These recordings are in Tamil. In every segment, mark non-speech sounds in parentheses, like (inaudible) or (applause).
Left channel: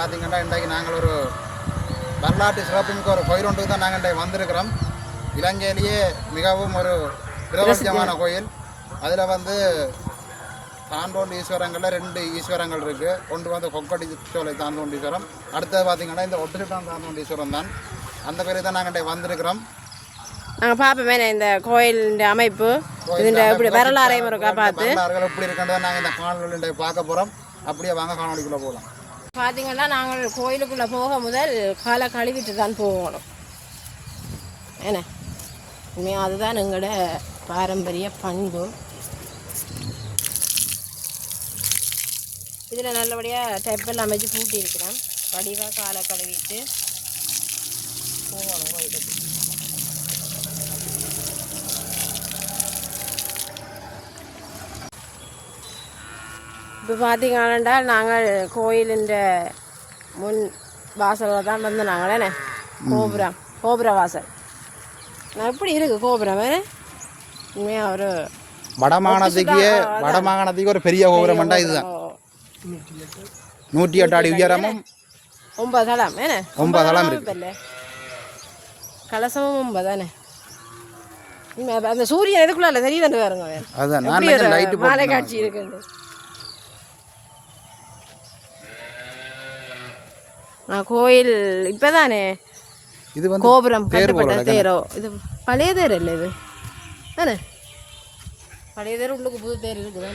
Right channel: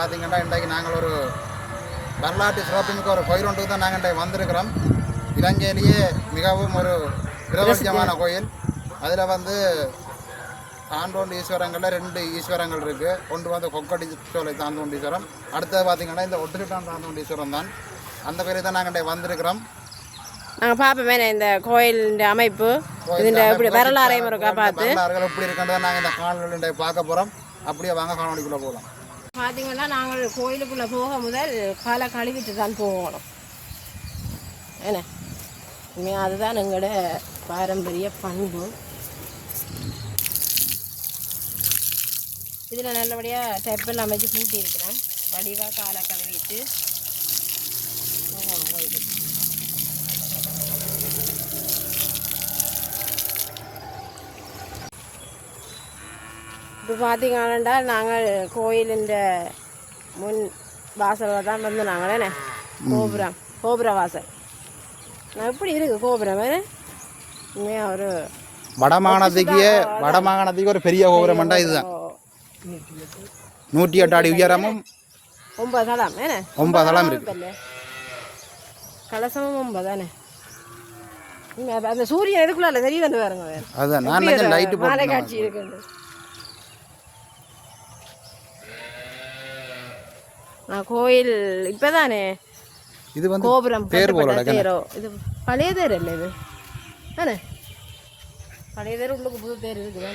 பார்த்தீங்கன்னா இன்றைக்கு நாங்கள் ஒரு வரலாற்று சிறப்புமிக்க ஒரு கோயில் ஒன்றுக்கு தான் நாங்கள் இன்றைக்கு வந்திருக்கிறோம். இலங்கையிலேயே மிகவும் ஒரு பிரபலமான கோயில். அதில் வந்து தாண்டோண்டு ஈஸ்வரங்களில் ரெண்டு ஈஸ்வரங்கள் இருக்குது ஒன்று வந்து கொக்கடி சோலை தாண்டோண்டீஸ்வரம் அடுத்தது பார்த்தீங்கன்னா இந்த ஒட்டுக்கான் தாண்டோண்டீஸ்வரம் தான். அந்த கோயிலுக்கு தான் நாங்கள் இன்றைக்கு வந்திருக்கிறோம். நாங்கள் பார்ப்போமே இந்த கோயிலின் அமைப்பு இதுன்ற இப்படி வரலாறையும் இருக்கா பார்த்து எப்படி இருக்குன்றதை நாங்கள் இந்த காணொலி பார்க்க போகிறோம் அப்படியே வாங்க காணொலிக்குள்ளே போகலாம். பார்த்தீங்கன்னா நாங்கள் கோயிலுக்குள்ளே போக முதல் காலை கழுவிட்டு தான் போகணும். என்ன? உண்மையாக அதுதான் எங்களோட பாரம்பரிய பண்பு. இதில் நல்லபடியாக டெப்பில் அமைச்சு பூட்டி இருக்கிறேன் வடிவாக காலை கழுவிட்டு போகணும் கோயிலுக்கு இப்போ பார்த்தீங்கன்னா நாங்கள் கோயிலின் முன் வாசலில் தான் வந்து நாங்கள் என்ன? கோபுரம் கோபுர வாசல். எப்படி இருக்கு கோபுரம் வேறு உண்மையாக ஒரு வடமாகாணத்துக்கு வடமாகாணத்துக்கு ஒரு பெரிய கோபுரம்ண்டா இதுதான். நூற்றி எட்டு அடி உயரமும் ஒன்பது தளம் ஒன்பது தளம் இருக்கு. கலசமும் ஒன்பது தானே? உண்மை, அப்ப அந்த சூரியன் எதுக்குள்ள தெரியுதுன்னு பாருங்க. அதுதான் மாலை காட்சி இருக்குது? கோயில் இப்பதானே இது வந்து கோபுரம் கட்டப்பட்ட தேரோ? இது பழைய தேர் இல்லை இது. தானே? பழைய தேர் உள்ளுக்கு புது தேர் இருக்குது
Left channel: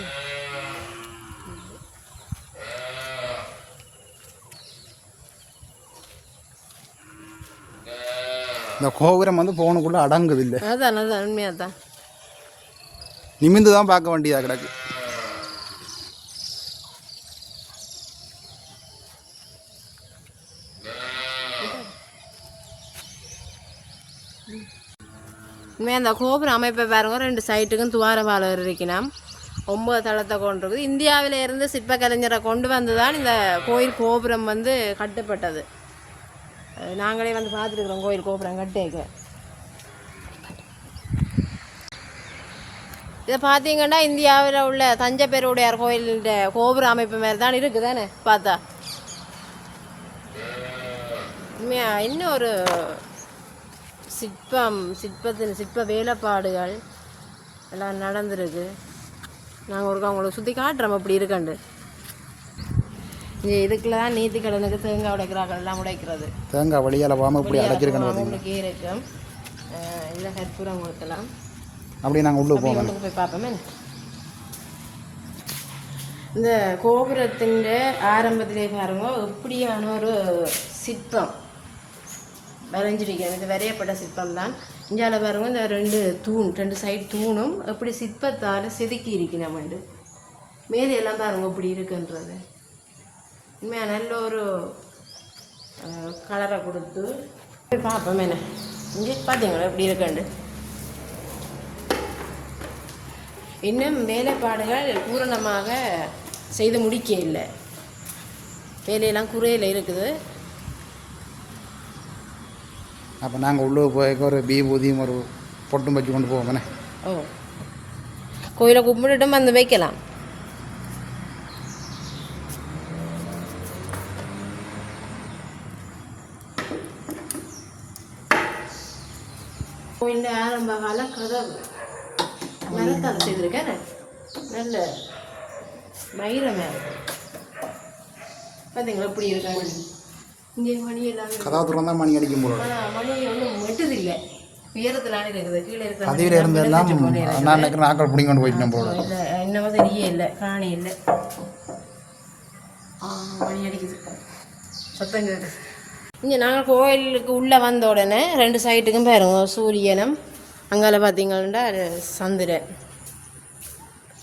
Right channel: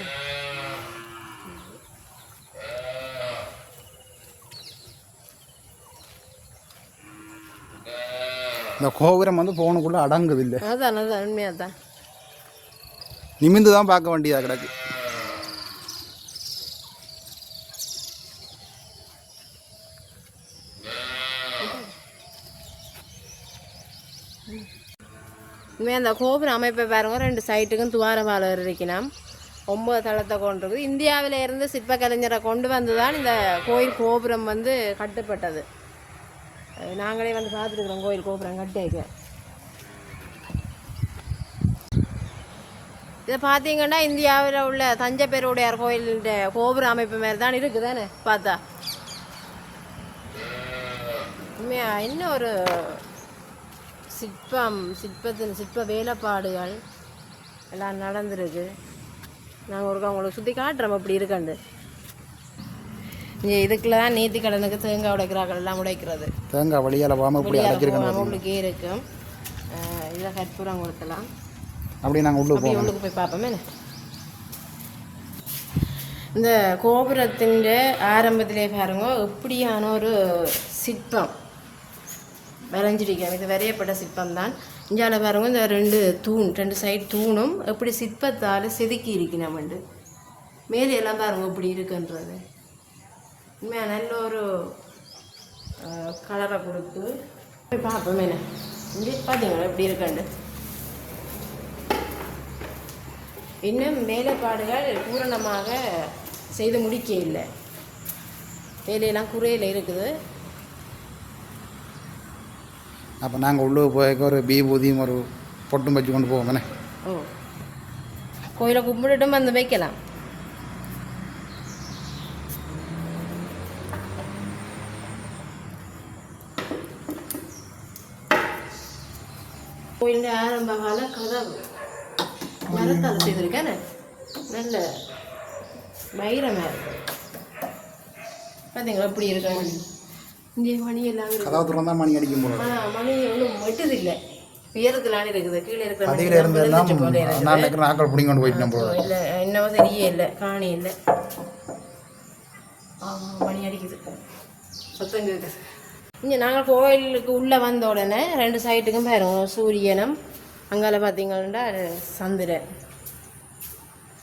இந்த கோபுரம் வந்து போகணுக்குள்ள அடங்குது இல்லை. அதான் அதான் உண்மையாக தான் நிமிந்து தான் பார்க்க வேண்டியதாக கிடக்கு. இனிமேல் அந்த கோபுர அமைப்பை பாருங்க. ரெண்டு சைட்டுக்கும் துவாரபாலர் இருக்கணும் ஒம்பது தளத்தை கொண்டிருக்குது. இந்தியாவில் இருந்து சிற்பக்கலைஞரை கொண்டு வந்து தான் இந்த கோயில் கோபுரம் வந்து கட்டுப்பட்டது. நாங்களே வந்து பார்த்துருக்குறோம் கோயில் கோபுரம் கட்டேக்க. இதை பார்த்தீங்கன்னா இந்தியாவில் உள்ள தஞ்சை பெருவுடையார் கோயிலுடைய கோபுர அமைப்பு மாதிரி தான் இருக்குதானே? பார்த்தா. உண்மையா இன்னும் ஒரு சிற்பம் சிற்பத்தின் சிற்ப வேலைப்பாடுகள் எல்லாம் நடந்திருக்கு. நாங்கள் ஒரு உங்களுக்கு சுற்றி காட்டுறோம். அப்படி இருக்கண்டு. இதுக்குள்ள தான் நீத்தி கடனுக்கு தேங்காய் உடைக்கிறார்கள். எல்லாம் உடைக்கிறது. தேங்காய் வழியால் போகாமல் இப்படி அடைச்சிருக்கணும் உங்களுக்கு இருக்கும். அஹ் இதில் கற்பூரம் கொடுக்கலாம் அப்படி நாங்கள் உள்ளே போவோம். உள்ளுக்கு போய் பார்ப்போமே. இந்த கோபுரத்தின் ஆரம்பத்திலே பாருங்க இப்படியான ஒரு சிற்பம். வரைஞ்சிருக்கேன் இது வரையப்பட்ட சிற்பம் தான் இஞ்சால பாருங்க இந்த ரெண்டு தூண் ரெண்டு சைடு தூணும் எப்படி சிற்பத்தால் செதுக்கி இருக்கணும் வந்து. மேலே எல்லாம் பாருங்க இப்படி இருக்குன்றது. உண்மையாக நல்ல ஒரு கலரை கொடுத்து. போய் பார்ப்போம் மேலே. இங்கே பார்த்தீங்களா எப்படி இருக்குன்னு. இன்னும் வேலைப்பாடுகள் பூரணமாக செய்து முடிக்க இல்லை வேலையெல்லாம் குறையில் இருக்குது. அப்போ நாங்கள் உள்ளே போய் ஒரு பீபூதியும் ஒரு பொட்டும் வச்சு கொண்டு போவோம் தானே? ஓ. கோயிலை கும்பிட்டுட்டும் வந்து வைக்கலாம். கோயிலில் ஆரம்ப கால கதவு. மரத்தால் செய்திருக்கேன் நல்ல வைரமே பார்த்தீங்களா இப்படி இருக்காங்க இந்த மணி எல்லாம் இருக்கு. கதவு திறந்தா மணி அடிக்கும் போல. மணி ஒன்றும் வெட்டுது இல்லை உயரத்திலான இருக்குது. கீழே இருக்கிற எல்லாம் இருந்தெல்லாம். நான் நினைக்கிற நாட்கள் பிடிங்க கொண்டு போயிட்டு போல இல்லை என்னவோ தெரிய இல்லை காணி இல்லை. மணி அடிக்குது. சத்தம் கேட்குது. இங்கே நாங்கள் கோயிலுக்கு உள்ளே வந்த உடனே ரெண்டு சைட்டுக்கும் பாருங்க சூரியனும் அங்கால பார்த்தீங்கன்னா சந்திரன்.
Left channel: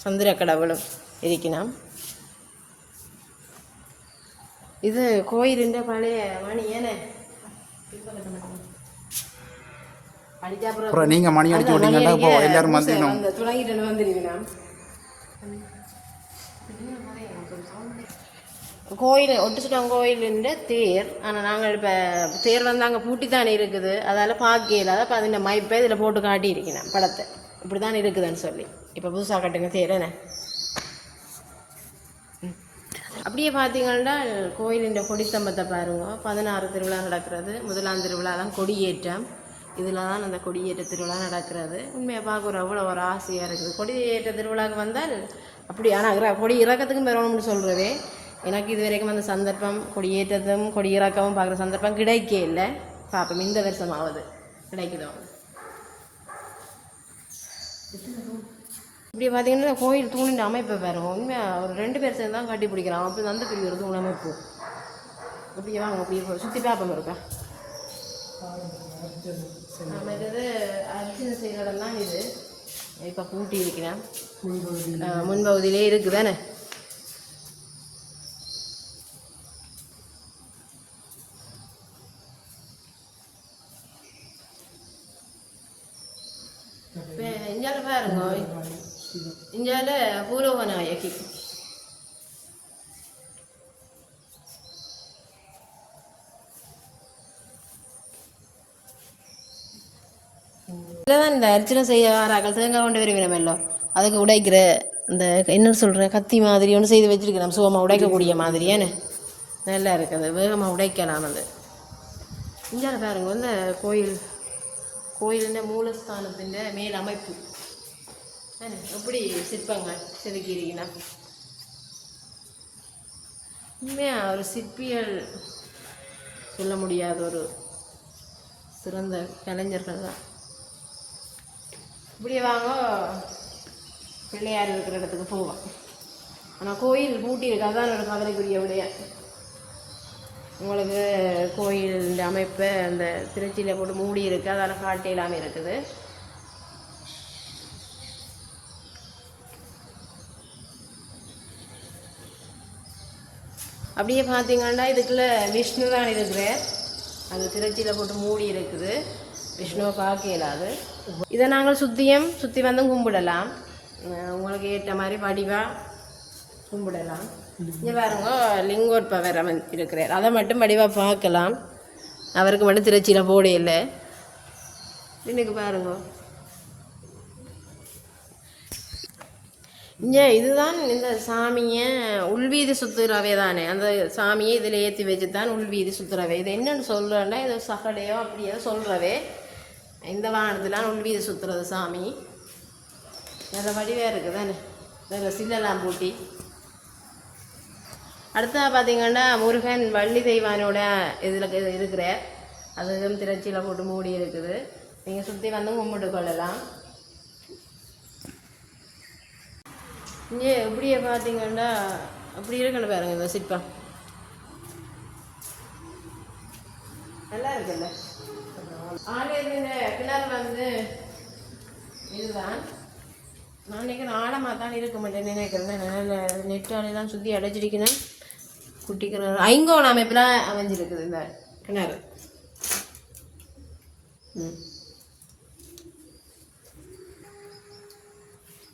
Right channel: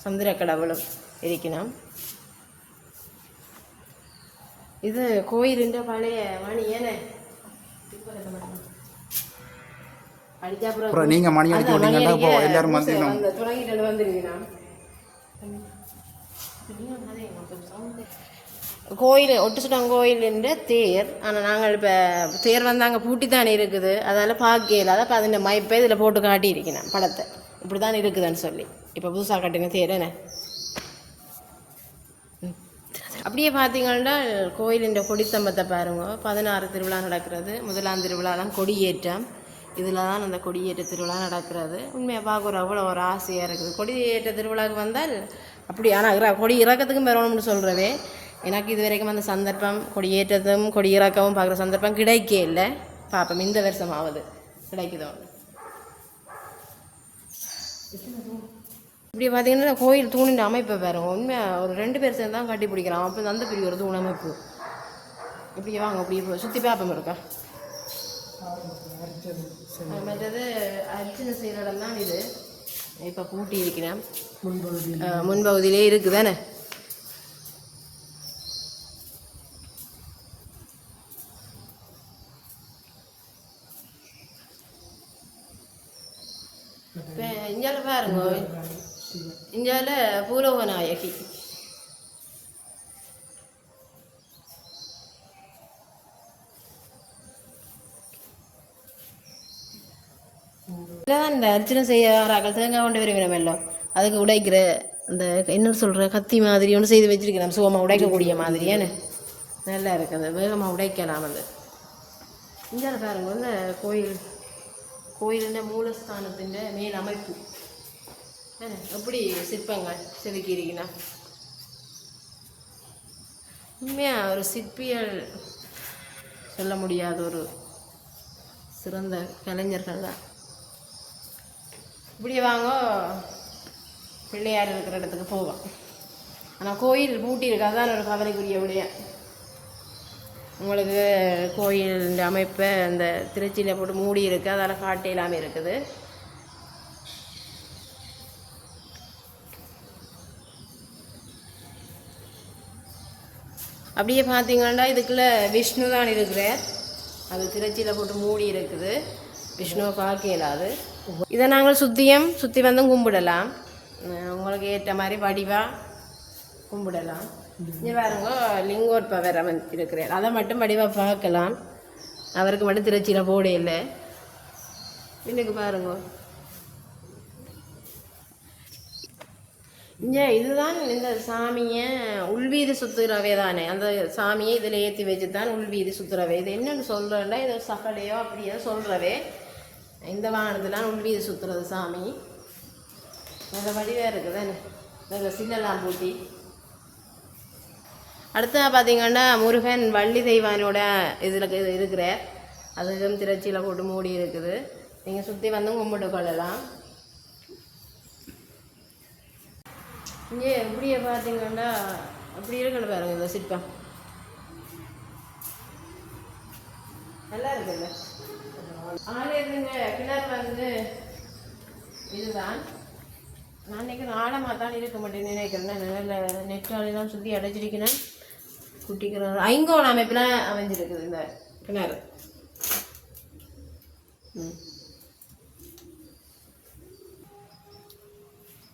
சந்திர கடவுளும் இருக்கணும் இது கோயிலுன்ற பழைய மணி ஏனே? அப்புறம் நீங்கள் மணி அடிச்சு விட்டீங்கன்னா எல்லாரும் வந்து அந்த வந்துருவீங்களா கோயில் ஒட்டுச்சுட்டாங்க தேர். ஆனால் நாங்கள் இப்போ தேர் வந்து அங்கே பூட்டி தானே இருக்குது. அதால் பார்க்கல அதை பதின மைப்பே இதில் போட்டு காட்டி இருக்கணும் படத்தை. இப்படி தான் இருக்குதுன்னு சொல்லி. இப்போ புதுசாக கட்டின தேர் என்ன? அப்படியே பார்த்தீங்கன்னா கோயிலின் கொடித்தம்பத்தை பாருங்க. பதினாறு திருவிழா நடக்கிறது. முதலாம் திருவிழா தான் கொடியேற்றம். இதில் தான் அந்த கொடியேற்ற திருவிழா நடக்கிறது. உண்மையை பார்க்குற அவ்வளோ ஒரு ஆசையாக இருக்குது. கொடியேற்ற திருவிழாவுக்கு வந்தால் அப்படி ஆனால் கொடி இறக்கத்துக்கும் வரணும்னு சொல்கிறதே எனக்கு இது வரைக்கும் அந்த சந்தர்ப்பம் கொடியேற்றதும் கொடி இறக்கவும் பார்க்குற சந்தர்ப்பம் கிடைக்கே இல்லை. பார்ப்போம் இந்த வருஷமாவது கிடைக்குதோ? இப்படி பார்த்தீங்கன்னா கோயில் தூணின் அமைப்பை வேறு. உண்மையாக ஒரு ரெண்டு பேர் சேர்ந்து தான் கட்டி பிடிக்கிறான் அப்போ அந்த பெரிய ஒரு தூண் அமைப்பு. அப்படியே வாங்க அப்படியே சுற்றி பார்ப்போம் இருக்கா மற்றது அர்ச்சனை செய்கிற இடம் தான் இது. இப்போ பூட்டி இருக்கிறேன். முன்பகுதியிலே. இருக்குது தானே? இஞ்சால பாருங்க இஞ்சால பூலோக நாயகி இந்த அர்ச்சனை செய்ய வராக்கள் தேங்காய் கொண்டு வருவினம் எல்லாம் அதுக்கு உடைக்கிற இந்த என்ன சொல்கிறேன் கத்தி மாதிரி ஒன்று செய்து வச்சிருக்கிறோம் சுகமாக உடைக்கக்கூடிய மாதிரியானு நல்லா இருக்குது வேகமாக உடைக்கலாம் அது. இந்தியால பாருங்க வந்து கோயில் கோயிலின் மூலஸ்தானத்தின் மேல் அமைப்பு. எப்படி சிற்பங்க? செதுக்கிறீங்கன்னா உண்மையாக ஒரு சிற்பியல் சொல்ல முடியாத ஒரு சிறந்த கலைஞர்கள் தான். இப்படி வாங்க பிள்ளையார் இருக்கிற இடத்துக்கு போவோம். ஆனால் கோயில் பூட்டி இருக்கு அதான் ஒரு கவலைக்குரிய விடைய உங்களுக்கு கோயில் அமைப்பை அந்த திருச்சியில் போட்டு மூடி இருக்குது அதெல்லாம் காட்டு இல்லாமல் இருக்குது. அப்படியே பார்த்தீங்கன்னா இதுக்குள்ளே விஷ்ணு தான் இருக்கிறார். அது திருச்சியில் போட்டு மூடி இருக்குது. விஷ்ணுவை பார்க்க இயலாது. இதை நாங்கள் சுத்தியம் சுற்றி வந்தும் கும்பிடலாம். உங்களுக்கு ஏற்ற மாதிரி வடிவாக கும்பிடலாம். இங்கே பாருங்க லிங்கோத்பவர் இருக்கிறார். அதை மட்டும் வடிவாக பார்க்கலாம். அவருக்கு மட்டும் திருச்சியில் போட இல்லை. இன்னைக்கு பாருங்க. இங்கே இதுதான் இந்த சாமியை உள்வீதி சுத்துறவே தானே. அந்த சாமியை இதில் ஏற்றி வச்சு தான் உள்வீதி சுத்துறவே. இது என்னன்னு சொல்கிறேன்னா இது சகடையோ அப்படியோ சொல்கிறவே இந்த வானத்துலாம் உள்வீதி சுத்துறது சாமி. இந்த வடிவாக இருக்குது தானே. இதில் சில்லெல்லாம் பூட்டி. அடுத்து பார்த்தீங்கன்னா முருகன் வள்ளி தெய்வானோட இதில் இருக்கிறார். அதுவும் திருச்சியில் போட்டு மூடி இருக்குது. நீங்கள் சுற்றி வந்து கும்பிட்டு கொள்ளலாம். இங்கே எப்படியே பார்த்தீங்கன்னா அப்படி இருக்கணும் பாருங்க இந்த சிற்பம். நல்லா இருக்குல்ல? ஆக கிணறு வந்து இதுதான். நான் நினைக்கிறேன் ஆழமாக தான் இருக்க மாட்டேன் நினைக்கிறேன். நல்ல நெட்டாலெல்லாம் சுற்றி அடைச்சிருக்கணும் குட்டி கிணறு ஐங்கோண அமைப்பில் அமைஞ்சிருக்குது இந்த கிணறு. ம்.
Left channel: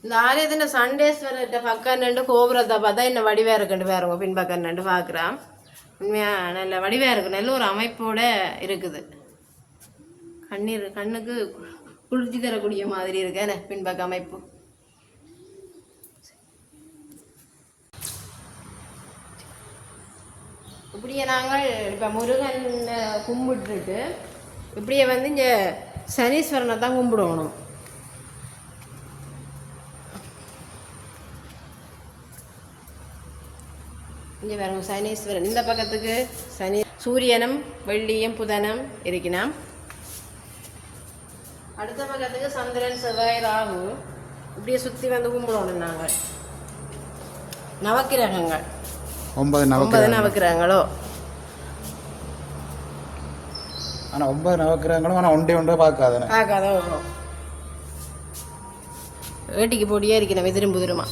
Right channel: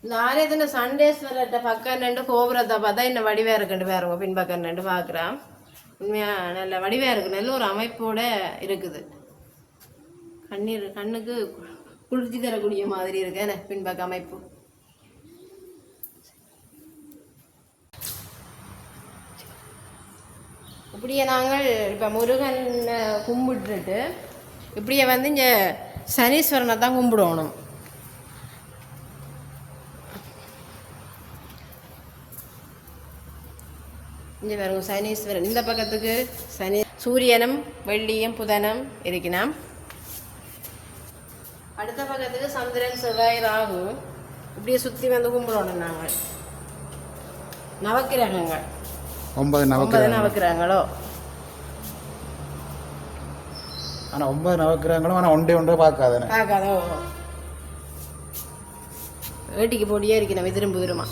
இந்த ஆலயத்தில் சண்டேஸ்வரர்கிட்ட பக்கம் ரெண்டு கோபுரத்தை பார்த்தா என்ன வடிவாக இருக்குன்னு பாருங்க பின்பக்கம் ரெண்டு பார்க்குறான் உண்மையாக நல்ல வடிவாக இருக்கு நல்ல ஒரு அமைப்போட இருக்குது கண்ணீர் கண்ணுக்கு குளிர்ச்சி தரக்கூடிய மாதிரி இருக்கு என்ன பின்பக்க அமைப்பு இப்படியே நாங்கள் இப்போ முருகன் கும்பிட்டுட்டு இப்படியே வந்து இங்கே சனீஸ்வரனை தான் கும்பிடணும் இங்கே பாருங்க சனீஸ்வரன். இந்த பக்கத்துக்கு சனி சூரியனும் வெள்ளியும் புதனும் இருக்கணும் அடுத்த பக்கத்துக்கு சந்திரன் செவ்வாய் ராகு. இப்படியே சுற்றி வந்து கும்பிடணும் நாங்கள் நவக்கிரகங்கள் ஒன்பது ஒன்பது நவக்கிரகங்களோ. ஆனால் ஒன்பது நவக்கிரகங்களும் ஆனால் ஒன்றே ஒன்றே பார்க்காதுன்னு. பார்க்காதோ வேட்டிக்கு போட்டியாக இருக்கணும் எதிரும் புதிருமா?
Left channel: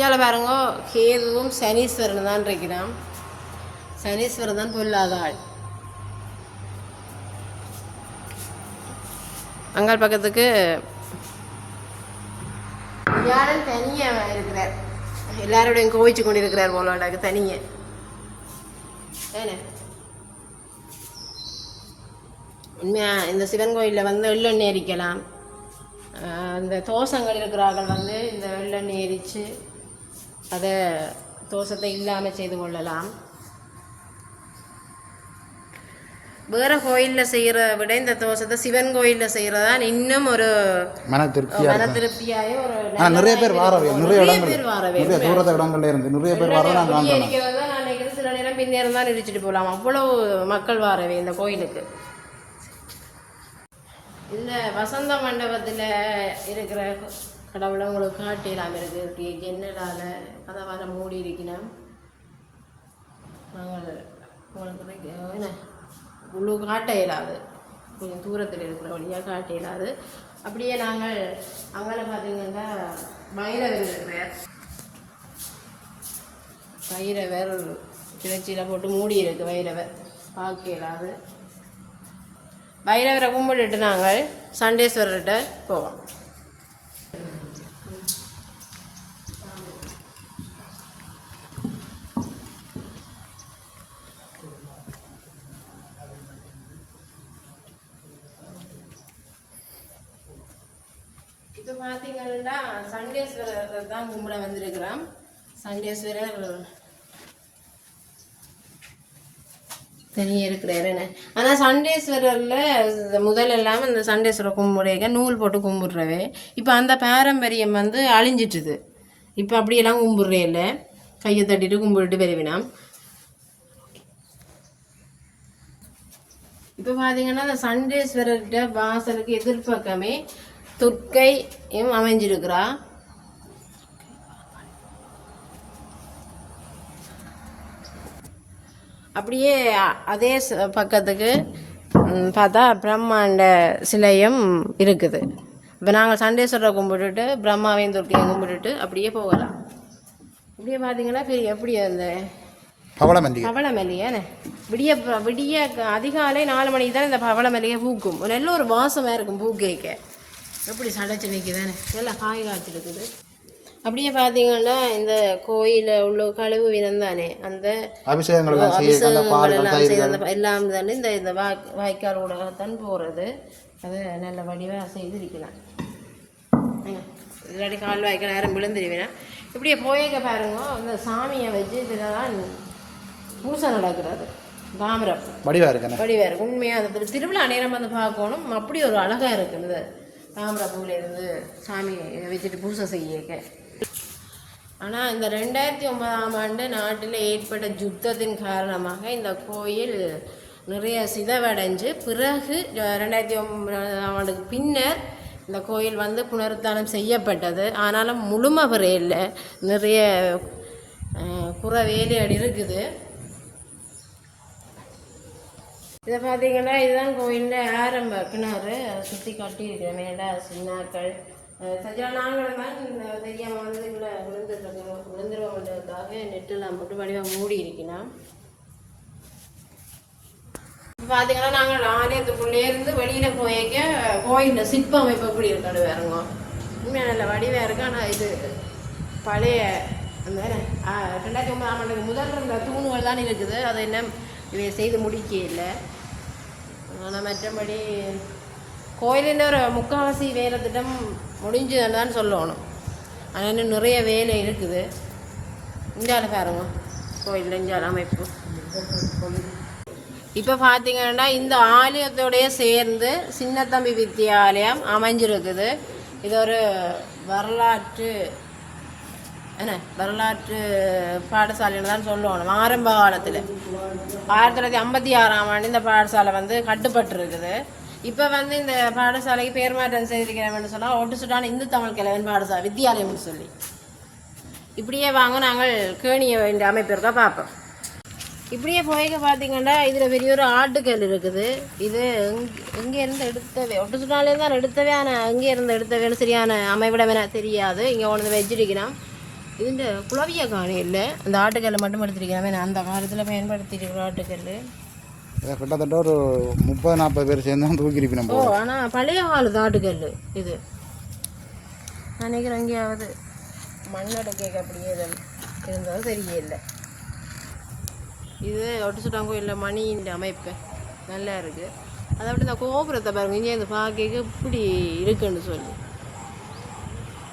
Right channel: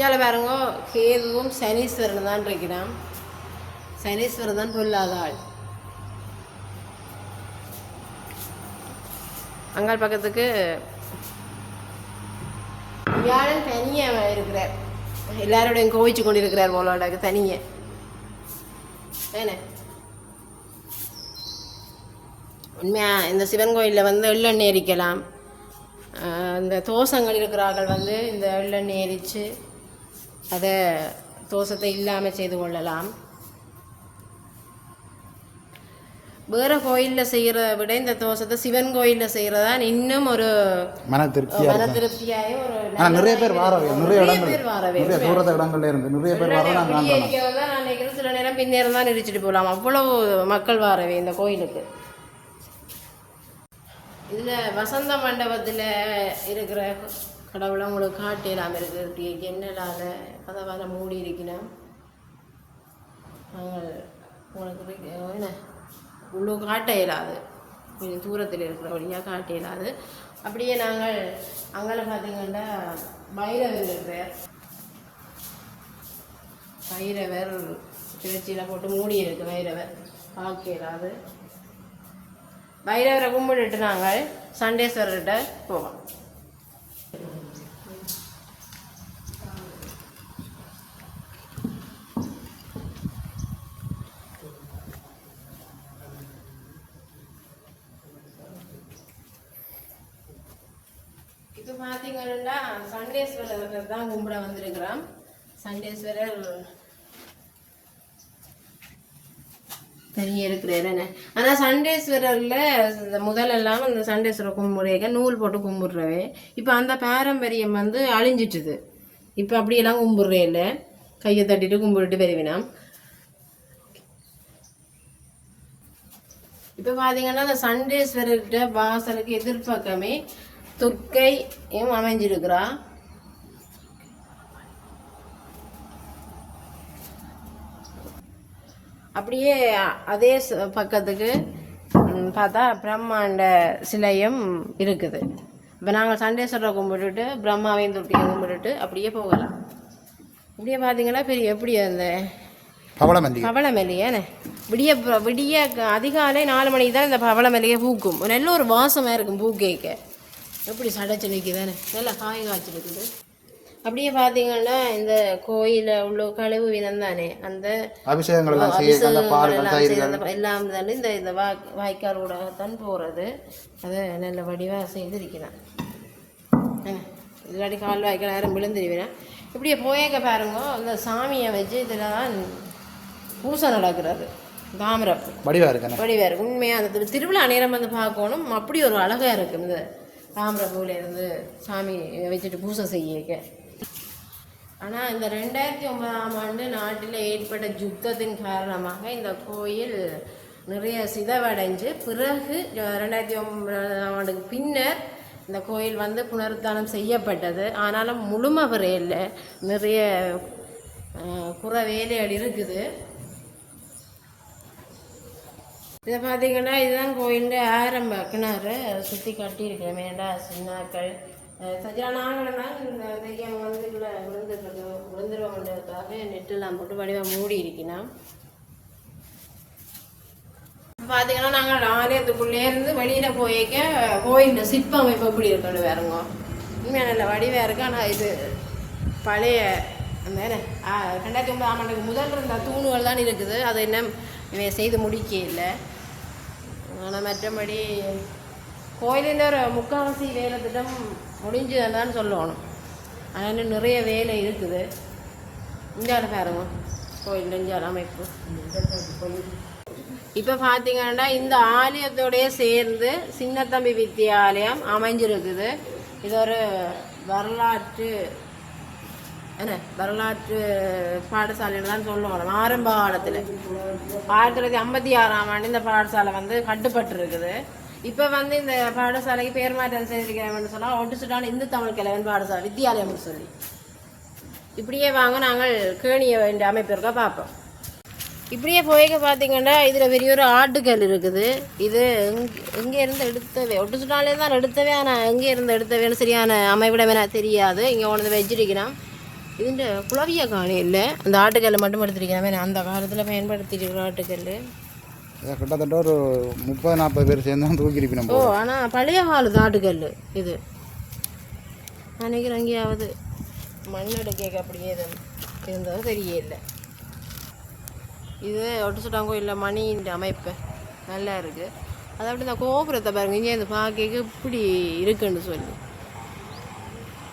இங்கே பாருங்க கேதுவும் சனீஸ்வரன் தான் இருக்கிறான். சனீஸ்வரன் தான் பொல்லாத ஆள். அங்கால் பக்கத்துக்கு வியாழன் தனியாக இருக்கிறார். எல்லாரோடையும் கோவிச்சு கொண்டு இருக்கிறார் போலோட தனிய. வேணே. உண்மையா இந்த சிவன் கோயிலில் வந்து எள்ளெண்ணெய் எரிக்கலாம். அந்த தோசங்கள் இருக்கிறார்கள் வந்து இந்த எள்ளெண்ணெய் எரித்து அதை தோஷத்தை இல்லாமல் செய்து கொள்ளலாம். வேற கோயிலில் செய்கிற விட இந்த தோஷத்தை சிவன் கோயிலில் செய்கிறதா இன்னும் ஒரு மன திருப்தியாக மன திருப்தியாயும் ஒரு நிறைய பேர் வாரவே நிறைய பேர் வாரவே நிறைய தூரத்த இடங்கள்ல இருந்து நிறைய பேர் வர நான் நினைக்கிறேன் சில நேரம் பின்னேரம் தான் இடிச்சிட்டு போகலாம் அவ்வளவு மக்கள் வாரவே இந்த கோயிலுக்கு. இதில் வசந்த மண்டபத்தில் இருக்கிற கடவுளை உங்களுக்கு காட்டலாம் இருக்கு. என்னலால கதவால மூடி இருக்கணும் நாங்கள் உங்களுக்கு என்ன? உள்ளூர் காட்ட இயலாது கொஞ்சம் தூரத்தில் இருக்கிற வழியாக காட்ட இயலாது அப்படியே நாங்கள் அங்கே பார்த்தீங்கன்னா பைரவர் பேர் வைரவர் கிளர்ச்சியில் போட்டு மூடி இருக்கு வைரவர் பார்க்க இயலாது வைரவரை கும்பிட்டுட்டு நாங்கள் சண்டேஸ்வரர்கிட்ட போவோம் இப்போ பார்த்தீங்கன்னா சண்டேஸ்வரர் தான் கிராம் சண்டேஸ்வரர் தெரிய இருக்கிறாரு என்ன? ஆனால் சண்டேஸ்வரரில் முதல் இல்லாமல் இந்த சண்டேஸ்வரர் கும்பிடுறீங்க நூல் போட்டு கும்பிடுறவே. இப்போ அந்த பாரம்பரியம் வந்து அழிஞ்சிட்டுது. இப்போ அப்படியெல்லாம் கும்பிடுறே இல்லை. கையை தட்டிட்டு கும்பிட்டுட்டு பெருவினாம் இப்போ பார்த்தீங்கன்னா அந்த சண்டேஸ்வரர்கிட்ட வாசலுக்கு எதிர்பக்கமே துர்க்கையும் அமைஞ்சிருக்கிறா. அப்படியே அதே பக்கத்துக்கு பார்த்தா பிரம்மாண்ட சிலையும் இருக்குது. இப்போ நாங்கள் சண்டேஸ்வரரை கும்பிட்டுட்டு பிரம்மாவையும் துர்க்கையும் கும்பிட்டுட்டு அப்படியே போகலாம். அப்படியே பார்த்தீங்கன்னா பெரிய எப்படி அந்த பவளமந்தி பவளமல்லியே விடிய விடிய அதிகாலை நாலு மணிக்கு தான் இந்த பவளமல்லிகை பூக்கும். நல்ல ஒரு வாசமாக இருக்கும் பூ கேட்க. எப்படி சடைச்சு வைக்குதானே நல்லா காய் காய்ச்சிருக்குது. அப்படியே பார்த்தீங்கன்னா இந்த கோயிலில் உள்ள கழிவு வினம் தானே. அந்த அபிஷேகங்கள் எல்லாம் அந்த அந்த இந்த இந்த வா வாய்க்கால் கூட தான் போகிறது அதை நல்ல வடிவாக செய்திருக்கிறேன். இல்லாட்டி கால் வாய்க்கால் நேரம் விழுந்துருவேன். இப்படியே போயங்க பாருங்க இந்த சாமியை வச்சு இதில் தான் பூசை நடக்கிறது. தாமிரம். வடிவா இருக்குண்ணே. வடிவார் உண்மையாக அந்த திருவிழா நேரம் வந்து பார்க்கணும். அப்படி ஒரு அழகாக இருக்குது இந்த தாமிர பூவில் இருந்து சாமி வச்சுட்டு பூசை செய்ய ஆனால் இந்த ரெண்டாயிரத்தி ஒன்பதாம் ஆண்டு நாட்டில் ஏற்பட்ட யுத்தத்தின் காரணமாக இந்த கோயில் நிறைய சிதவடைஞ்சு பிறகு ரெண்டாயிரத்தி ஒன்பதாம் ஆண்டுக்கு பின்னர் இந்த கோயில் வந்து புனருத்தானம் செய்யப்பட்டது. ஆனாலும் முழுமை இல்லை. நிறைய புற வேலைகள் இருக்குது. இதை பார்த்தீங்கன்னா இதுதான் கோயிலின் ஆரம்ப கிணறு. அதை சுற்றி கட்டியிருக்கிறேன் மேடா சின்னாக்கள் சஜா நாங்களும் தான் இந்த தெரியாமல் வந்து இதில் விழுந்துருக்கோம் விழுந்துருவோம்ன்றதுக்காக நெட்டெல்லாம் போட்டு வடிவாக மூடி இருக்கணும் பார்த்தீங்கன்னா நாங்கள் ஆலயத்துக்குள்ளே இருந்து வெளியில் போயிருக்க கோயில் சிற்ப அமைப்பு எப்படி இருக்கிறது வேறுங்க உண்மையாக நல்ல வடிவாக இருக்கு ஆனால் இது பழைய அந்த ரெண்டாயிரத்தி ஒன்பதாம் ஆண்டுக்கு முதல் இருந்த தூணுகள் தான் இருக்குது அது இன்னும் இவன் செய்து முடிக்க இல்லை ஆனால் மற்றபடி கோயிலினர் ஒரு முக்கால்வாசி வேலை திட்டம் முடிஞ்சதுன்னு தான் சொல்லணும். ஆனால் இன்னும் நிறைய வேலை இருக்குது. இந்தியாவில் பாருங்க. கோயில் இந்தியாவில் அமைப்பு. இப்போ பார்த்தீங்கன்னா இந்த ஆலயத்தோடைய சேர்ந்து சின்னத்தம்பி வித்தியாலயம் அமைஞ்சிருக்குது. இது ஒரு வரலாற்று என்ன வரலாற்று பாடசாலைன்னு தான் சொல்லணும். ஆரம்ப காலத்தில். ஆயிரத்தி தொள்ளாயிரத்தி ஐம்பத்தி ஆறாம் ஆண்டு இந்த பாடசாலை வந்து கட்டுப்பட்டிருக்குது. இப்போ வந்து இந்த பாடசாலைக்கு பேர் மாற்றம் செய்திருக்கிறோம்னு சொன்னால் ஒட்டுசுட்டான இந்து தமிழ் கிழவன் பாடசாலை வித்தியாலயம்னு சொல்லி. இப்படியே வாங்க நாங்கள் கேணிய வேண்டிய அமைப்பு இருக்கா பார்ப்போம். இப்படியே போய்க்க பார்த்தீங்கன்னா இதில் பெரிய ஒரு ஆட்டுக்கல் இருக்குது. இது எங் எங்கே இருந்து எடுத்தவே ஒட்டு சுட்டாலே தான் எடுத்தவே ஆனால் எங்கே இருந்து எடுத்தவேன்னு சரியான அமைவிடம் எனக்கு தெரியாது. இங்கே ஒன்று வச்சிருக்கிறேன். இதுன்ற குளவிய காணி இல்லை. அந்த ஆட்டுக்கல் மட்டும் எடுத்திருக்கிறேன் அந்த காலத்தில் பயன்படுத்தியிருக்கிற ஆட்டுக்கல் கிட்டத்தட்ட ஒரு முப்பது நாற்பது பேர் சேர்ந்து தான் தூக்கிருக்கணும் ஓ ஆனால் பழைய காலத்து ஆட்டுக்கல் இது. நான் நினைக்கிறேன் எங்கேயாவது மண்ணெடுக்க அப்படியே தான் இருந்தது சரியே இல்லை இது ஒட்டுச்சுட்டாங்கோ இல்லை மணின்ற அமைப்பு நல்லா இருக்குது அதை அப்படி இந்த கோபுரத்தை பாருங்க இங்கே இந்த பார்க்க இப்படி இருக்குன்னு சொல்லி.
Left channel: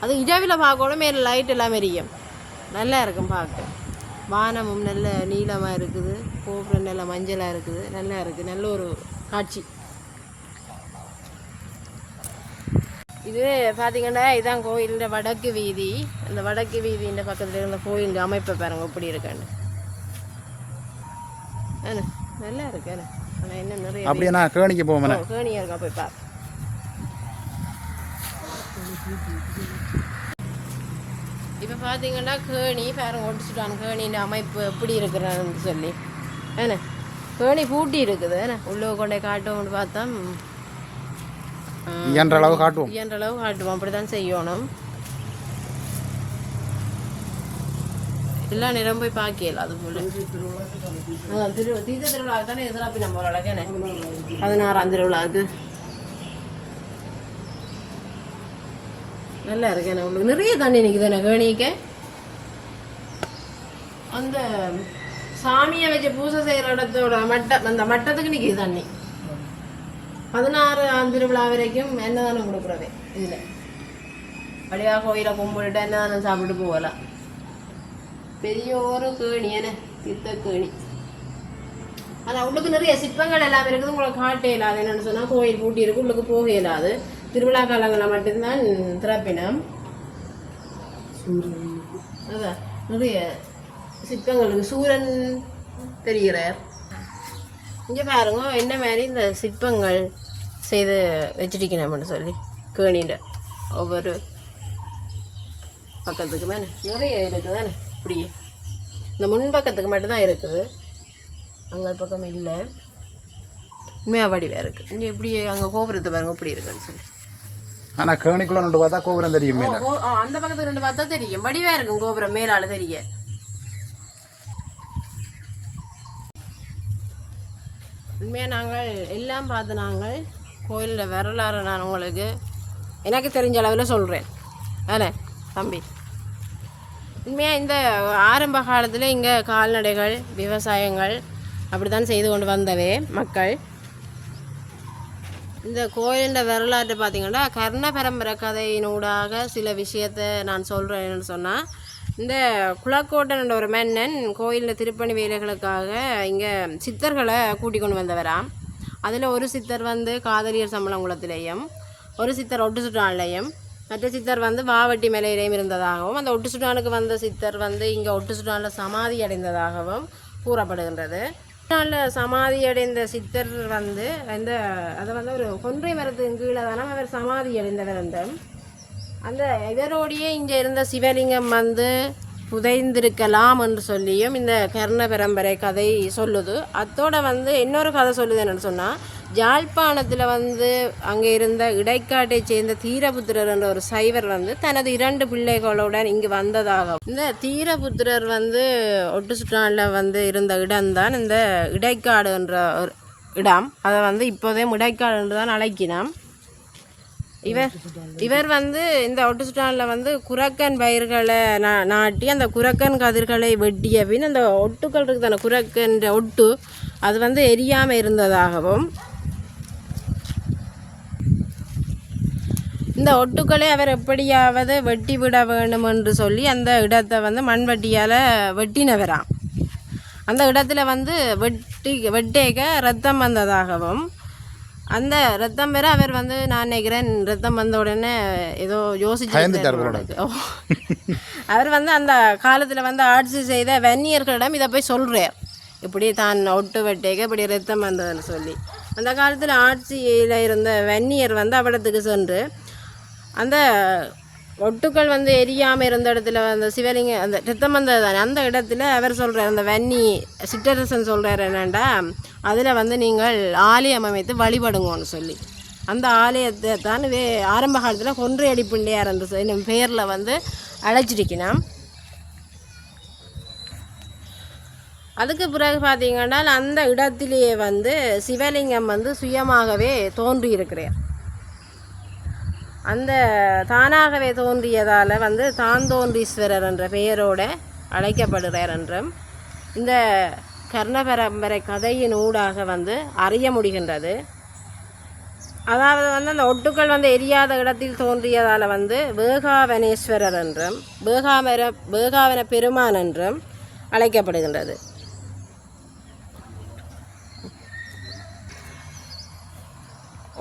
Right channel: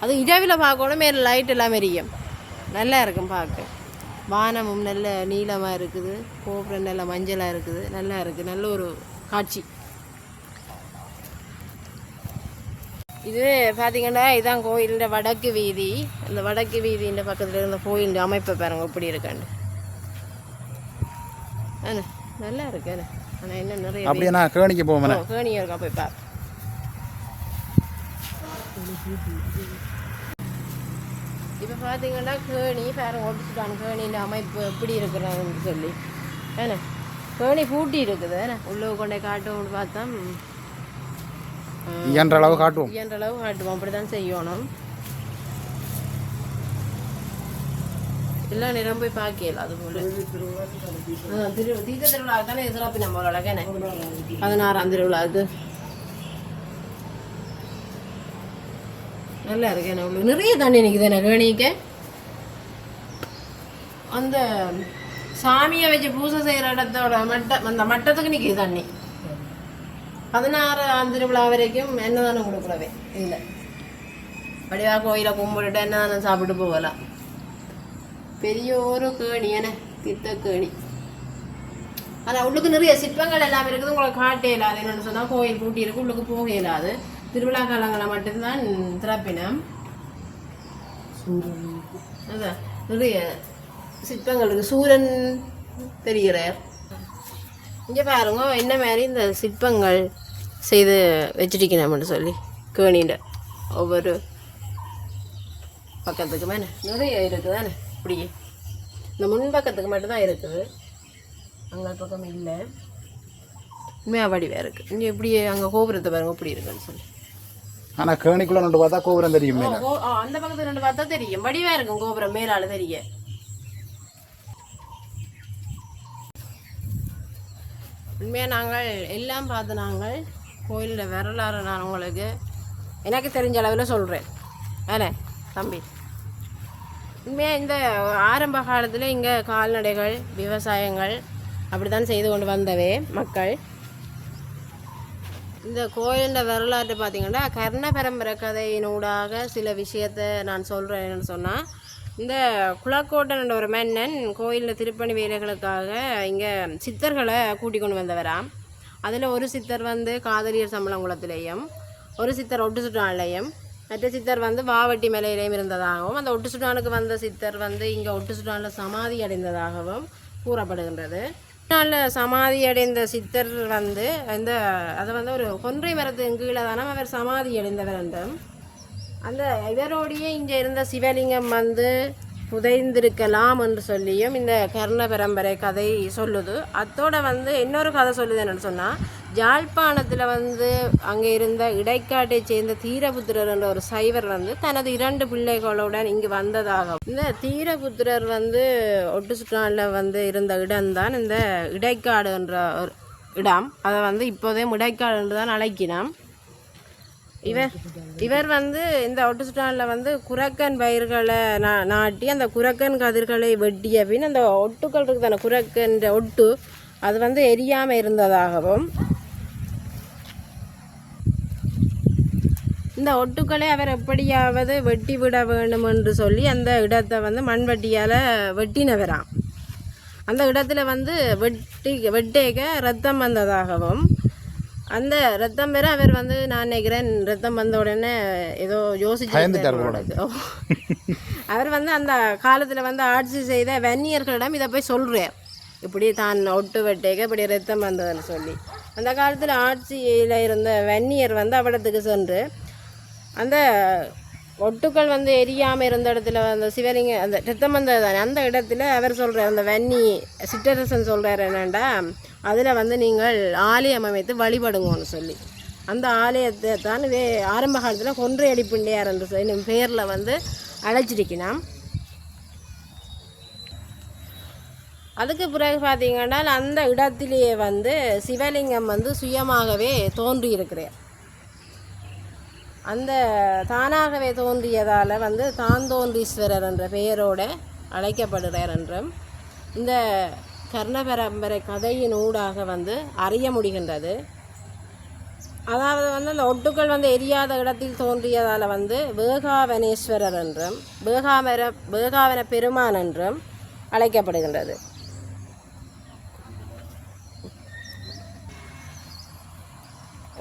அது இரவில் பார்க்கணும் மேலே லைட் எல்லாம் எரியும். நல்லா இருக்கும் பார்க்க. வானமும் நல்ல நீளமாக இருக்குது. கோபுரம் நல்ல மஞ்சளாக இருக்குது. நல்லா இருக்குது நல்ல ஒரு காட்சி. இது பார்த்தீங்கன்னா இதான் கோயிலோட வடக்கு வீதி. அந்த வடக்கு வீதியின் பக்கத்தில் இருந்த கோயில் அமைப்பை பாருங்க எப்படி இருக்கான்னு. நல்லா இருக்கு ஆனால் என்ன நிறைய அப்படியே நான் கேணிக்கு போவேன் ஓ, கேணியா இருக்கா போய் பாரு. இப்போ பார்த்தீங்கன்னா கேணி பாருங்க முடிச்சுட்டான். கேணியின் அமைப்பு எப்படி இருக்கிறான்னு சொல்லி. ஏண்ணே கேணி பூட்டி இருக்குது ஏண்ணே உள்ளே கொண்டே காட்டுவோம்னு பார்த்தா இயன்ற அளவு காட்டுவோம். இயன்ற அளவு காட்டுவோம். அப்படி தான் செய்யணும். எல்லாம் நிறம் போய் பார்க்கல அதுக்குள்ள ஆ, திரு தீர்த்த திருவிழாவுக்கு தானே எதிராப்பி நம்மளோட பதினாறாம் திருவிழாவுக்கு. நல்லா இருக்கேன் உள்ள நிறைய தண்ணி நிற்குது எனக்கு கேணிக்க அந்த சாமியை வச்சு பூஜை செய்கிற இடத்தோட மட்டம் அந்த மட்டத்துக்கு நிற்கிது தண்ணி. பதினாறு திருவிழா வரைக்கும் என்னதானே கொடுக்குறவே இதில். வடிவா கோயிலை கும்பிட்டுட்டு என்னதானே சாப்பிட்டு போகலாம். பெரிய ஒரு கேணி என்ன தித்த கேணி. அதான் உள்ளுக்கு நிறைய சிற்பங்கள் எல்லாம் இருக்குது. உங்களுக்கு காட்ட இயலாது என்னன்னு சொன்னால் கோயில் பூட்டி இருக்கு. உள்ளுக்கு போக இயலாது. திருவிழா காலங்களில் மட்டும்தான் திறப்பினம். அதான் நிறைய சிற்பங்களுக்கு சூரன் தெரிகிறார். இங்கே பாருங்க என்ன மாதிரி இந்த சிற்பங்கள் செய்து வச்சிருக்கணும்னு சொல்லி கேணிண்ட ஒவ்வொரு பக்கத்துக்கு தானே நிறைய இருக்குது தானே? இப்படியே இந்த முன் பக்கத்துக்கு மட்டும்தான் இருக்குது அங்கே பக்கம் இல்லை. உண்மையாக வடிவாக இருக்குது இங்கே இப்படியே அங்கே கோபுரத்தை பாருங்க இப்படி இருக்குன்னு சொல்லி. ஆனால் கேணிக்குள்ள நின்று பார்த்தா கோபுரம் தெரியும் அந்த பக்கத்துக்கு ரெண்டு பார்த்தா தெரியும். வடிவா இருக்கும் கோபுரம் மேலால தெரிய. உண்மையாக நாங்கள் எல்லாம் பார்த்து நாங்கள் கோயிலில் வரலாறு நான் உங்களுக்கு எனக்கு தெரிஞ்ச அளவில் சொல்கிறேன். ஆனே தம்பி? உண்மையாக இந்த ஆரம்ப காலத்தில் இங்கே கால்நடைகள் விவசாயங்கள் அப்படி தான் செய்து கொண்டு வந்தவே மக்கள். இந்த கோயிலின் வரலாற்று பார்த்தீங்கன்னா கர்ண பரம்பரை கதையினூடாக சில விஷயத்தை நான் சொல்கிறேன்னு சொன்னால் இந்த குலக்கோட்டன் என்ற ஒரு மன்னன் கோயிலில் திருப்பணி வேலைகளுக்காக இங்கே சித்தர்களை கூட்டி கொண்டு வந்தவராம். அதில் ஒரு சித்தர் வந்து காதலியர் சம்பளங்குளத்திலேயும் ஒரு சித்தர் ஒட்டு சுற்றாலையும் மற்ற சித்தர் வந்து மாவட்டி மலையிலையும் இருந்ததாகவும் அந்த ஒட்டு சுட்டானுக்கு வந்த சித்தர் வந்து இங்கே ஒட்டு சுட்டானில் சமாதி அடைந்ததாகவும் கூறப்படுகின்றது. நாளில் சமாதி அடைந்த சித்தர் வந்து இந்த அதை வந்து ஒரு கொன்றை மரத்தின் கீழே தானே அவர் சமாதி அடைந்தவர் என்றும் அந்த இவரோடையே இங்கே இருந்த சிவலிங்கம் வந்து புதைந்திருக்கலாம் என்று சொல்லியும் இந்த கர்ண பரம்பரை கதை சொல்லுது. அத்தோட வந்து இன்னொரு கதை சொல்லுது என்னென்னு சொன்னால் யாழ்ப்பாணத்தில் வந்து அங்கே இருந்த இடைக்காட்டை சேர்ந்த தீரபுத்திரர் என்ற ஒரு சைவர் வந்து தனது இரண்டு பிள்ளைகளுடன் இங்கு வந்ததாக இந்த தீரபுத்திரர் வந்து ஒட்டு சுற்றாலில் வந்து இருந்த இடம்தான் இந்த இடைக்காடு என்ற ஒரு இடம். அதை வந்து இப்போதே இடைக்காடு என்று தான் அழைக்கினான் இவர் இவர் வந்து இந்த ஒட்டுசுட்டானில் வந்து குரக்கன் பயிர்களை நா நாட்டி அந்த குரக்கன் கதிர்களை வெட்டிய பின் அந்த ஒட்டுக்கள் இருக்குது அந்த ஒட்டு அது வந்து எரியாமல் இருந்ததாகவும் இந்த ஒட்டுக்களை அவர் எப்படியாவது வெட்டி விட வேண்டும் என்று சொல்லி அந்த இடத்தை வந்து மண்வெட்டியால் வெட்டினவராம். அந்த இடத்துல வந்து வெட்டி வெட்டேக்க ரத்தம் வந்ததாகவும் அந்த ரத்தம் பெற அவர் வந்து நான் நினைக்கிறேன் ரத்தம் வந்த உடனே ஏதோ. ஓ. (laughs) அவர் வந்து அந்த காலத்தில் வந்து ஆட்சி செய்த வன்னியர்களிடம் இதை போய் சொல்கிறார் இப்படி தான் ஒட்டு வெட்டேக்க இப்படி ரத்தம் வந்ததுன்னு சொல்லி அந்த காலத்தில் ஆட்சியில் இருந்த வன்னியர் வந்து அவ்விடத்துக்கு சென்று அந்த ஒட்டுக்கள் வந்து எரியாமல் இருந்த இடத்துல அந்த சிவலிங்க அந்த சித்தமந்த தானே அந்த இடத்துல அவர் சொல்கிறார் அந்த வன்னி சிற்றரசன் சொல்கிறார் என்னென்னா அதில் வந்து நீங்கள் ஆலயம் அமைத்து வழிபடுங்கன்னு சொல்லி. அந்த ஆலயத்தை தான் வே ஆரம்ப காலத்தில் கொன்று அடிப்பிண்டையார் என்று என்னும் பெயரில் பேரில் வந்து அழைச்சிருக்கணும் அதுக்கு பிறகு பார்த்தீங்கன்னா அந்த இடத்திலேயே வந்து சிவலிங்கம் வந்து சுயமாகவே தோன்றி இருக்கிறார் அந்த தானாகவே தோன்றியதால் வந்து தாந்தோன்றீஸ்வரர் என்ற பெயரோட அழைக்கப்படுகிறார் என்றும் இந்த கர்ண பரம்பரை கதையின் ஊடாக வந்து அறிய முடிகின்றது. அதாவது வந்து அந்த ஒட்டுக்கள் வந்து எரியாத இடத்தில் தோன்றியதால் வந்து வேகாவனேஸ்வரர் என்றும் வேகாவர வேகாவன பெருமான் என்றும் அழைக்கப்படுகின்றது.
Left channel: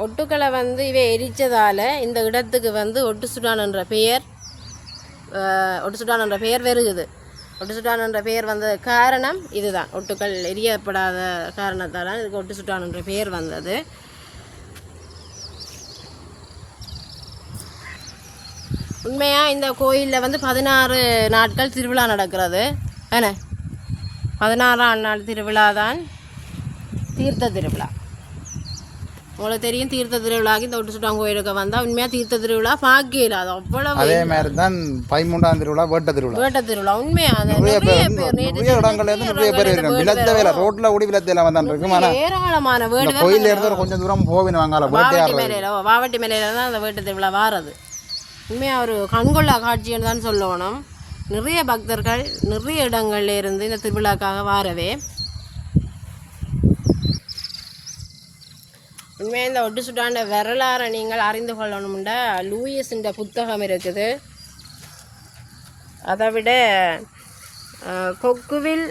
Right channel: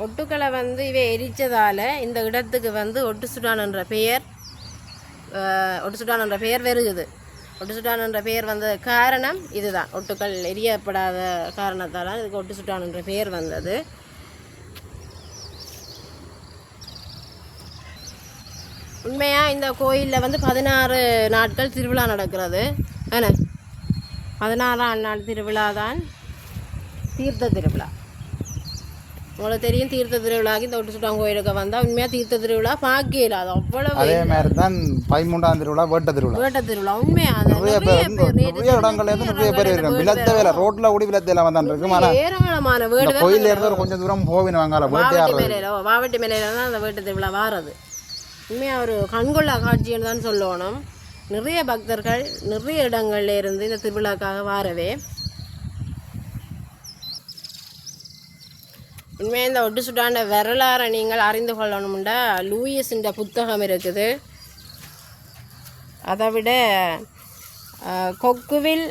ஒட்டுக்களை வந்து இவை எரித்ததால் இந்த இடத்துக்கு வந்து ஒட்டு சுடான் என்ற பெயர் ஒட்டு சுடான் என்ற பெயர் வருகுது. ஒட்டு சுட்டான் என்ற பெயர் வந்த காரணம் இதுதான். ஒட்டுக்கள் எரியப்படாத காரணத்தால் இதுக்கு ஒட்டு சுட்டான் என்ற பெயர் வந்தது. உண்மையாக இந்த கோயிலில் வந்து பதினாறு நாட்கள் திருவிழா நடக்கிறது. என்ன பதினாறாம் நாள் திருவிழா தான் தீர்த்த திருவிழா. உங்களுக்கு தெரியும் தீர்த்த திருவிழாக்கு இந்த ஒட்டு சுட்டான் கோயிலுக்கு வந்தால் உண்மையாக தீர்த்த திருவிழா? பார்க்கல அது அவ்வளவு அதே மாதிரி தான் பதிமூன்றாம் திருவிழா வேட்ட திருவிழா. வேட்ட திருவிழா உண்மையாக அது நிறைய பேர் நிறைய இடங்கள்ல இருந்து நிறைய பேர் இருக்காங்க விலத்தவேல ரோட்ல ஓடி விலத்தையில வந்தான் இருக்கும் ஆனா ஏராளமான வீடு கோயில்ல இருந்து கொஞ்சம் தூரம் போவின வாங்கலாம் வாவட்டி மேலையில வாவட்டி மேலையில தான் அந்த வீட்டு திருவிழா வாரது. உண்மையாக ஒரு கண்கொள்ளா காட்சின்னு தான் சொல்லணும். நிறைய பக்தர்கள் நிறைய இடங்கள்ல இருந்து இந்த திருவிழாக்காக வாரவே. உண்மையாக இந்த ஒட்டு சுட்டாண்ட வரலாறை நீங்கள் அறிந்து கொள்ளணும்டா. இந்த புத்தகம் இருக்குது. அதை விட கொக்குவில்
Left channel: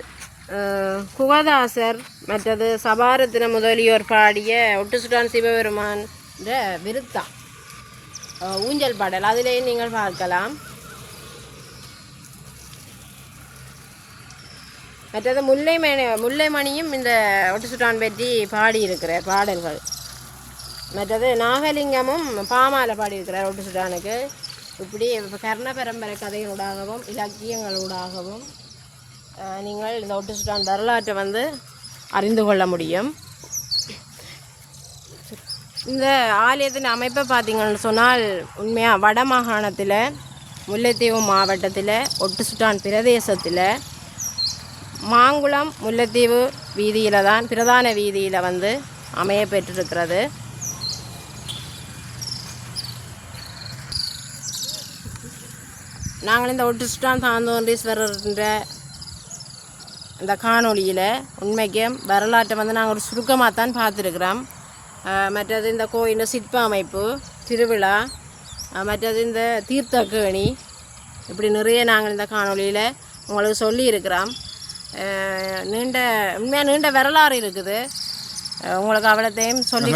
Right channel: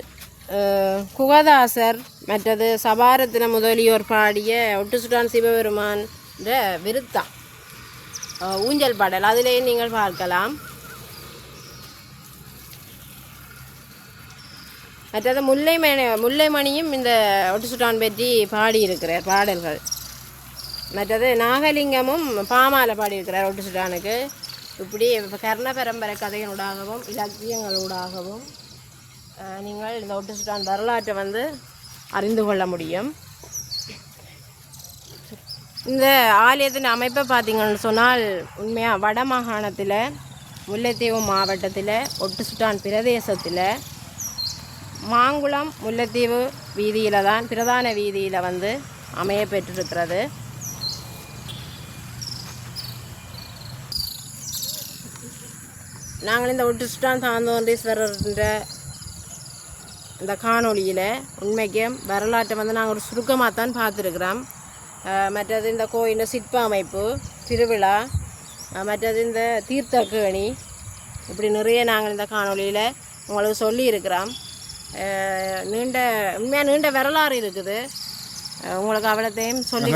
குகதாசர் மற்றது சபாரத்தின முதலியோர் பாடிய ஒட்டுசுட்டான் சிவபெருமான் விருத்தா. ஊஞ்சல் பாடல். அதிலேயும் நீங்கள் பார்க்கலாம். மற்றது முல்லைமணி முல்லைமணியும் இந்த ஒட்டுசுட்டான் பற்றி பாடியிருக்கிற பாடல்கள். மற்றது நாகலிங்கமும் பாமால பாடியிருக்கிறார் ஒட்டுசுட்டானுக்கு இப்படி கர்ண பரம்பரை கதைகளூடாகவும் இலக்கியங்களூடாகவும் நீங்கள் இந்த ஒட்டுசுட்டான் வரலாற்றை வந்து அறிந்து கொள்ள முடியும். இந்த ஆலயத்தின் அமைப்பை பார்த்தீங்கன்னு சொன்னால் உண்மையாக வட மாகாணத்தில் முல்லைத்தீவு மாவட்டத்தில் ஒட்டுசுட்டான் பிரதேசத்தில் மாங்குளம் முல்லைத்தீவு வீதியில் தான் பிரதான வீதியில் வந்து அமைய பெற்றிருக்கிறது நாங்கள் இந்த ஒட்டுசுட்டான் தாந்தோன்றீஸ்வரர்ன்ற இந்த காணொளியில் உண்மைக்கும் வரலாற்றை வந்து நாங்கள் ஒரு சுருக்கமாக தான் பார்த்துருக்குறோம் மற்றது இந்த கோயில் சிற்ப அமைப்பு திருவிழா மற்றது இந்த தீர்த்தக்கேணி இப்படி நிறைய நாங்கள் இந்த காணொளியில் உங்களுக்கு சொல்லியிருக்கிறோம். நீண்ட உண்மையாக நீண்ட வரலாறு இருக்குது. உங்களுக்கு அவ்வளோத்தையும் சொல்லி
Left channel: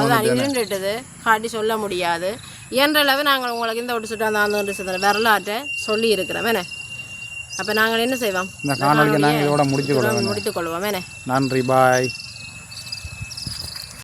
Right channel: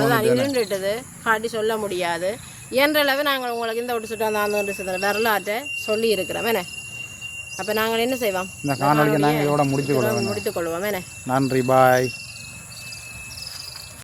அதுதான் இருண்டுட்டது காட்டி சொல்ல முடியாது. இயன்றளவு நாங்கள் உங்களுக்கு இந்த ஒட்டு சுட்டு அந்த வரலாற்றை சொல்லி இருக்கிறோம் என்ன? அப்போ நாங்கள் என்ன செய்வோம்? முடித்துக் கொள்வோம் என்ன? நன்றி பாய்